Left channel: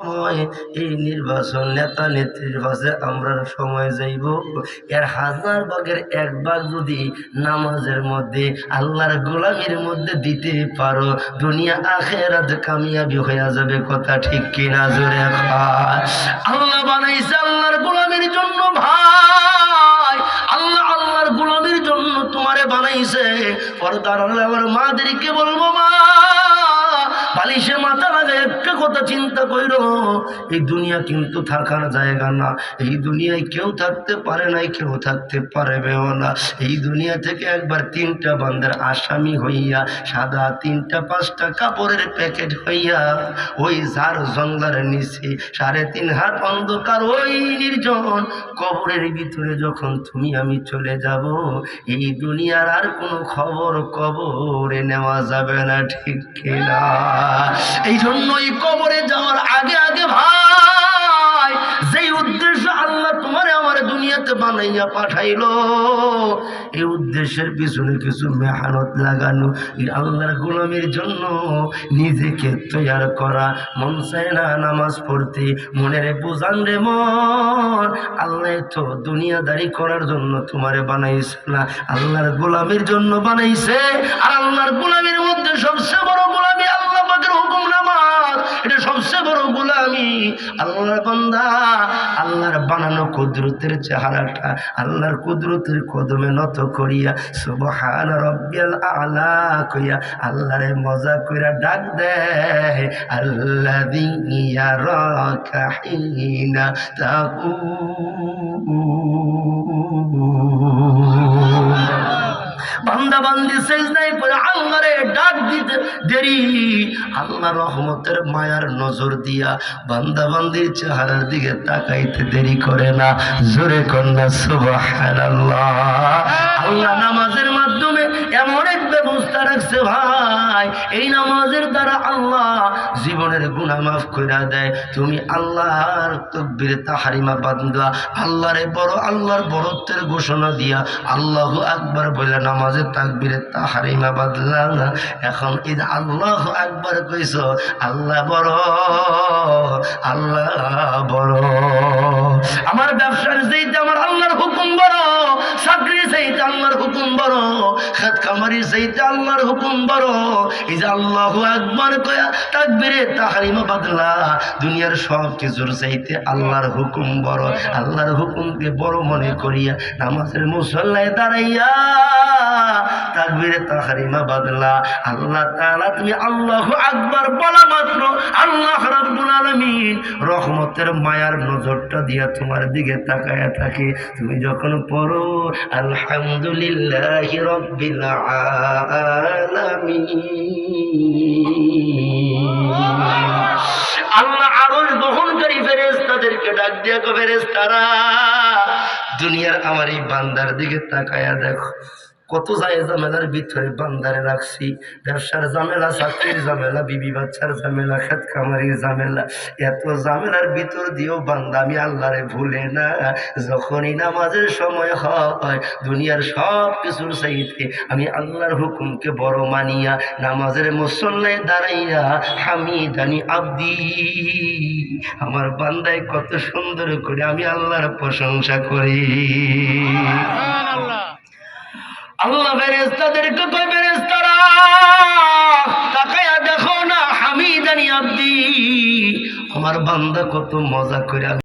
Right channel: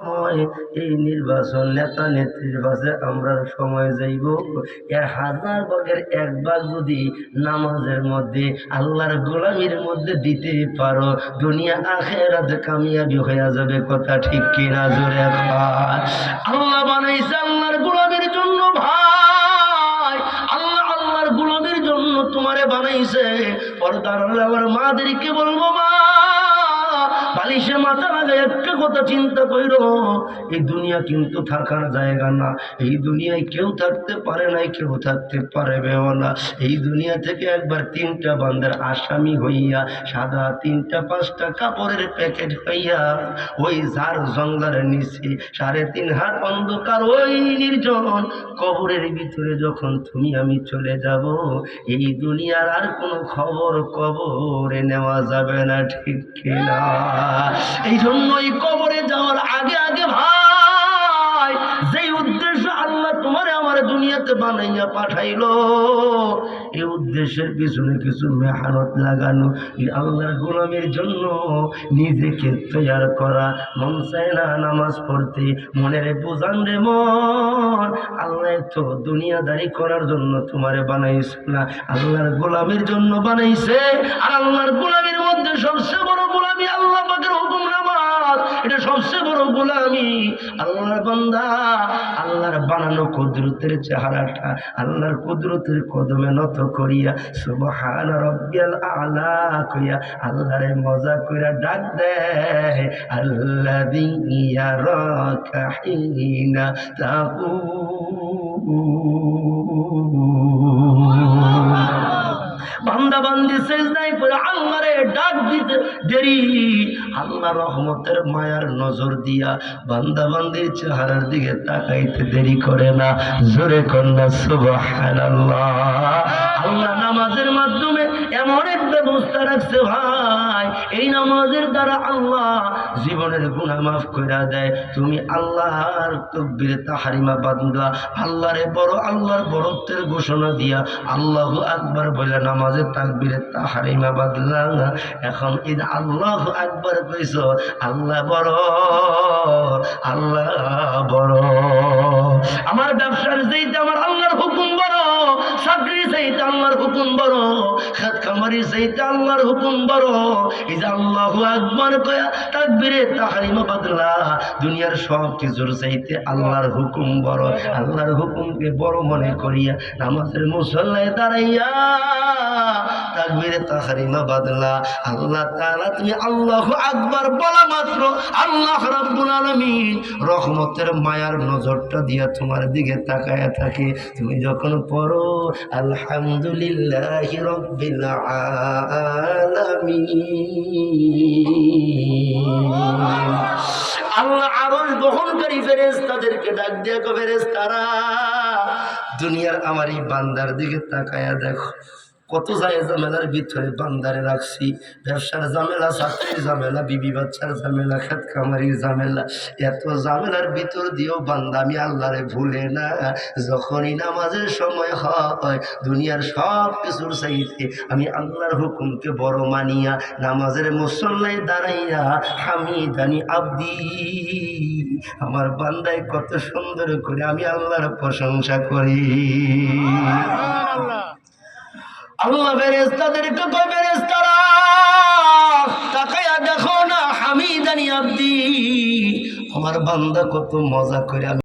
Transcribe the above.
এই নির্বাচন নেতা নেত্রীর পাশে আমরা সময় যাইব, এর 1000 ভাগের 1 ভাগ যদি নামাজের মধ্যে আল্লাহর গোলামির মধ্যে দিতে পারো, দুনিয়া আখিরাত কামিয়াবি হয়ে যাবে। কথা ঠিক কিনা? জোরে খায়। আল্লাহ বানাইছে আল্লাহর গোলামির জন্য ভাই, আল্লাহ আল্লাহর গোলামির জন্য তোমারে বানাইছে। পর্দার আল্লাহ আমার মাদেরকে বলবো, মা বালিশে মাথা লাগে একটা কথা চিন্তা কইরো, এই দুনিয়া কিন্তু থাকার জায়গা না। এই দুনিয়ায় কেউ থাকতে পারে নাই, কেউ থাকতে পারবেও না। এই দুনিয়া থেকে একবার 3টা বান্দার আসামি হইয়া, সাদা 3টা 5টা কাপড়ের প্যাকেট হইয়া, ওই ঝাড় জঙ্গলের নিচে 3.5 হাত অন্ধকার ওই নির্জন কবরের ভিতরে যখন তুমি আমি চলে যাব, এই দুনিয়ার আর কোনো খবর কবরে নেওয়া যাবে না। ঠিক কিনা? এই জন্যই কবরে যাওয়ার আগে আগে ভাই, যেই উদ্দেশ্য আল্লাহ তোমারে আমার দুনিয়াতে বানাইয়া পাঠাইলো, এই উদ্দেশ্যের পিছনে কিছু মেহনত লাগানো, এই আল্লাহর গোলামের জন্য নিজেকে তৈয়ার করা। মন চায় না নামাজ পড়তে, মনের বুঝান রে মন, আল্লাহ তো দুনিয়াদারি করার জন্য তোমারে বানাইছে না, আল্লাহর গোলামের জন্য বানাইছে। আর আল্লাহর গোলামের মধ্যে সবচেয়ে বড় গোলামি আল্লাহ পাকের হুকুম নামাজ, এটা সবচেয়ে বড় গোলামি। আল্লাহর বান্দা আল্লাহর বানানো কুদরতের চেহারাটা আল্লাহর কুদরতের কদমে নত করিয়া সুবহান রাব্বিয়াল আলা কইয়া আল্লাহরে মজা কইরা ডাক দেয়, আল্লাযী ইয়ারাকা হিনা তাকুম। বান্দা বান্দি সেজদায় পড়ে আল্লাহরে ডাক দিতে দেরি, আল্লাহ রহমতের মায়ার নজর দিয়া বান্দা বান্দির চেহারার দিকে তাকাইতে দেরি করে না। জোরে কন্যা সুবহানাল্লাহ। আল্লাহ নামাজের মাধ্যমে এমন এক ব্যবস্থা রাখছে ভাই, এই নামাজের দ্বারা আল্লাহ জীবনের গুনাহ মাফ করে দেয়। তুমি আল্লাহর তাকবীর তাহরিমা বান্দা আল্লাহরে বড়, আল্লাহর বড়ত্বের ঘোষণা দিয়া আল্লাহু আকবার বলে নামাজের তাকবীরে তাহরিমা বাদলা। এখন ঈদ আল্লাহু আকবার কইছ, আল্লাহ বড়, আল্লাহ বড়। আমার ব্যবসার চাইতে আমার আল্লাহর হুকুম বড়, চাকরি চাইতে আল্লাহর হুকুম বড়, খাত খামারি চাইতে আল্লাহর হুকুম বড়। এই যে আল্লাহু আকবার কয়া তাকবীরে তাহরিমা বাদলা, দুনিয়ার সব কিছুর চাইতে আল্লাহর হুকুম বড়। আল্লাহর হুকুমকে বড় মনে করিয়া নামাজের মুসল্লায় দাঁড়াইয়া তাকবীরে তাহরিমা বাদলা, আল্লাহ তাআলা তুমি আল্লাহু আকবার বলা মাত্র আল্লাহ রাব্বুল আলামিন রহমতের মায়ার নজরটা দিয়া তোমার দিকে তাকায়া থাকে। তুমি যখন পড়ো আলহামদুলিল্লাহি রাব্বিল আলামিন, আল্লাহ আরশ বহনকারী ফেরেশতাদেরকে ডাক দিয়া কো, ফেরেশতারা দুনিয়ার আমার এই বান্দার দিকে তাকায়া দেখো, কত ঝামেলার ভিতরে বান্দারে রাখছি। ব্যবসার ঝামেলা, চাকরির ঝামেলা, বিবি বাচ্চার ঝামেলা, খেত খামারির ঝামেলা, এত ঝামেলার ভিতর দিয়েও বান্দা আমি আল্লাহরে ভুলে না। যখনই নামাজের সময় হয়, দুনিয়ার সব কিছুর চাইতে আমি আল্লাহর হুকুমকে বড় মানিয়া নামাজের মুসল্লায় দাঁড়াইয়া হামিদানি আব্দি, আমার বান্দায় কত সুন্দর করে আমি আল্লাহর প্রশংসা করি। আল্লাহ ফেরেশতাদেরকে কয়, ফেরেশতারা তাকায়া দেখো না হামিদানি আব্দি, আমার বান্দা কত মজা করে